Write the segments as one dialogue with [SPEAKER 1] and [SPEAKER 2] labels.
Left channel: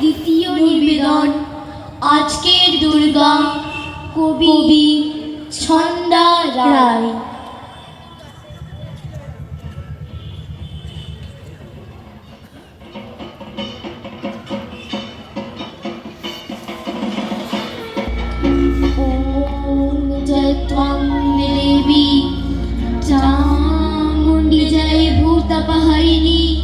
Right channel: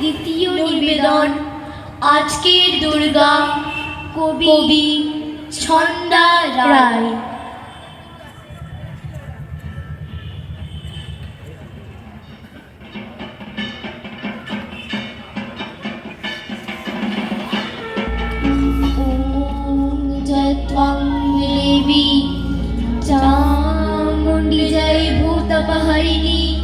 [SPEAKER 1] দ্বিতীয় নিবেদন। আজকের দুর্গা কবি ছন্দা রায়। जय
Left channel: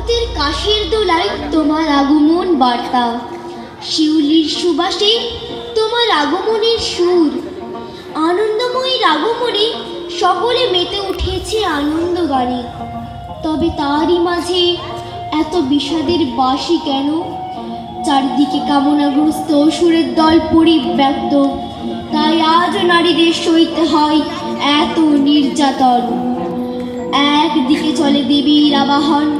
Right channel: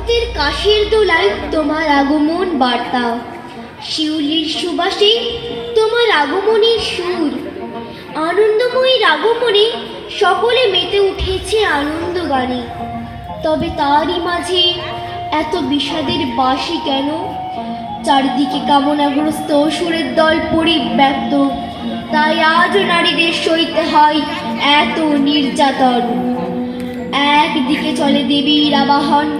[SPEAKER 1] শরতের কাশির দোলায় তোমার আগমন বার্তা। শিউলির সুবাসে তোমার আগমনের সুর। আনন্দময়ীর আগমনে সকলে মেতে উঠেছে আনন্দ গানে। তবে তারই মাঝে এত বিষাদের বাসি কেন? চারিদিকে কামনাগ্রস্ত অসুরের দল পরিব্যাপ্ত। তাই আজও নারীদের সইতে হয় এত নির্যাতন। একদিকে চলে দেবীর আবাহন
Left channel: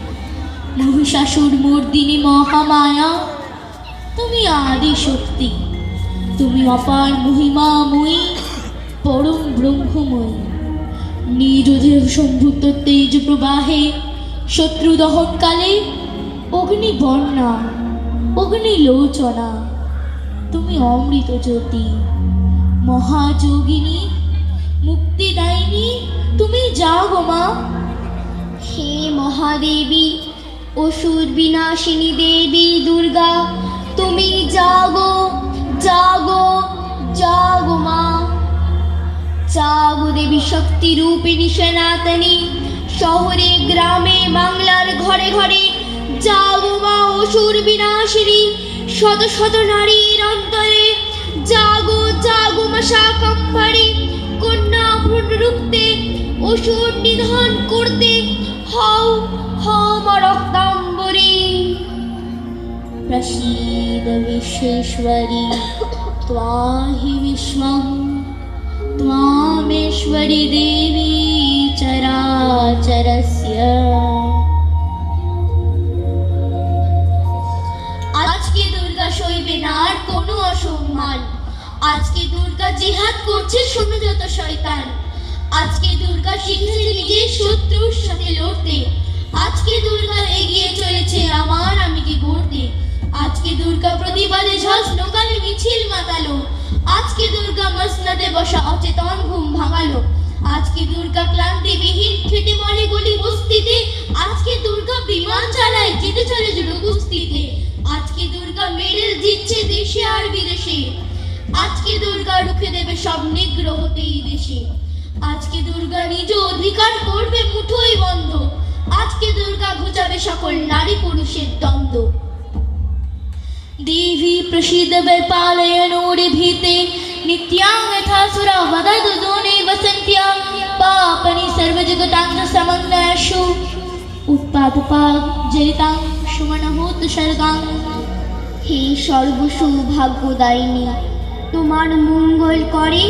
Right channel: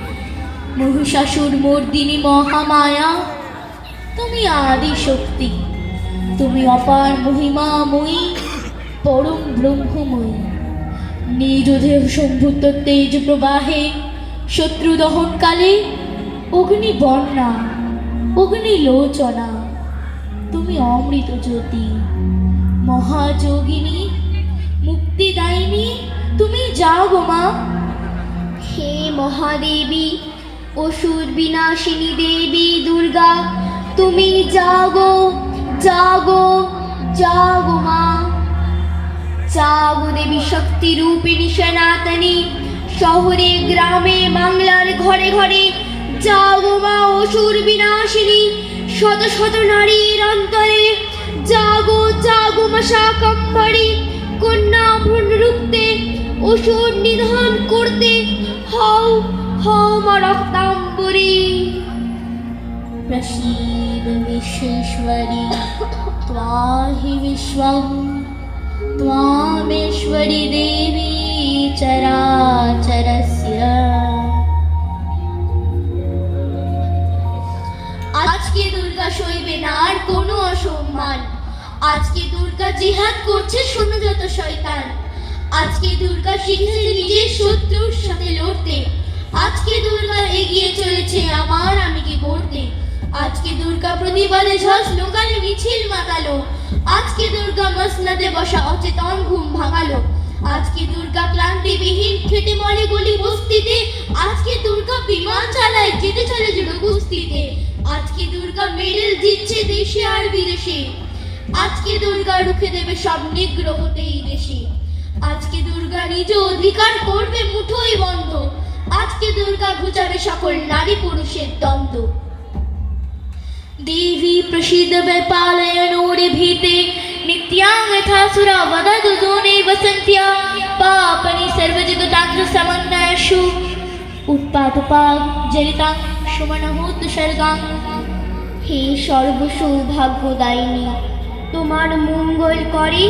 [SPEAKER 1] মহিষাসুর মর্দিনী মহামায়া, তুমি আদি শক্তি তুমি অপার মহিমাময়ী, পরম ব্রহ্মময়ী। দেহ সম্ভূত তেজ প্রবাহে শত্রু দহনকালে অগ্নি বন্যা অগ্নি লোচনা তুমি অমৃত জ্যোতি মহাযোগিনী, মুক্তিদায়িনী, তুমি যাগো মা। হে মহাদেবী অসুর বিনাশিনী দেবী দুর্গা, তুমি জাগো জাগো জাগো মা। জাগো দেবী শক্তি রূপিণী সনাতনী, শহরে, গ্রামে, বাংলার ঘরে ঘরে। জাগো মা অসুর বিনাশিনী, শত শত নারীর অন্তরে। জাগো জাগো মা শাকম্ভরি, কন্যা ভ্রূণ রুখতে অসুর নিধন করতে। विश्वेश्वरी त्वाहि विश्वं त्वामेश्वरि देवी चराचरस्य আজকে দুর্গা সইবে না আর কোনো অসম্মান আজকে দুর্গা জিহাদ করছে শোনো যত শয়তান আজকে দুর্গা শিখেছে নিজের শত্রুর সাথে লড়তে প্রতিবাদে ঝস লোকালে মিছিল মাতালো। আজকে দুর্গা মসনাদে বসা অচেতন ঘুম ভাঙালো। আজকে দুর্গা ক্লান্তিবিহীন খেটে মরে গলি বস্তিতে। আজকে দুর্গা বিমান চালায় যেতে চলে জুড়ো কুস্তিতে আজকে দুর্গা মেডেল জিতছে দেশে আর বিদেশে। আজকে দুর্গা রুখে দেবে সব নিগ্রহতেই দেশে। আজকে দুর্গা নিজ অধিকার করবে মুঠোই বন্ধ। আজকে দুর্গা ঘুচাবে সকল নারী পুরুষের দ্বন্দ্ব। ದೇವಿ ಪ್ರಸಿದ್ಧ ಬೆಪಾಲಯ ನೋಡಿ ಭೀತೆ ನಿತ್ಯಾಂ ಯಥಾಸುರ ವದದು ದೂನೆ ವಸಂತ್ಯ ಪಾಪನಿ ಸರ್ವ ಜಗತಾಂತ್ರ ಸಮನ್ವಯಶು ಉತ್ಪಾದಪಾ ಜರಿತಾಂ ಸುಮನಹೂತ್ ಸರ್ಗಾಂ হে সর্বসৌভাগ্যদায়িনী তোমার মঙ্গল করে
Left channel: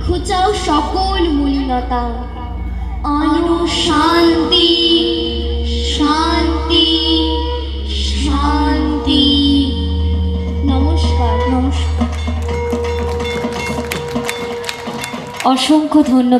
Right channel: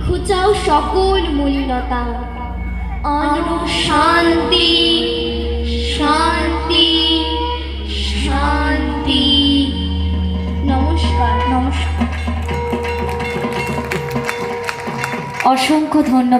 [SPEAKER 1] ঘুচাও সকল মলিনতা আনো শান্তি
[SPEAKER 2] অসংখ্য ধন্যবাদ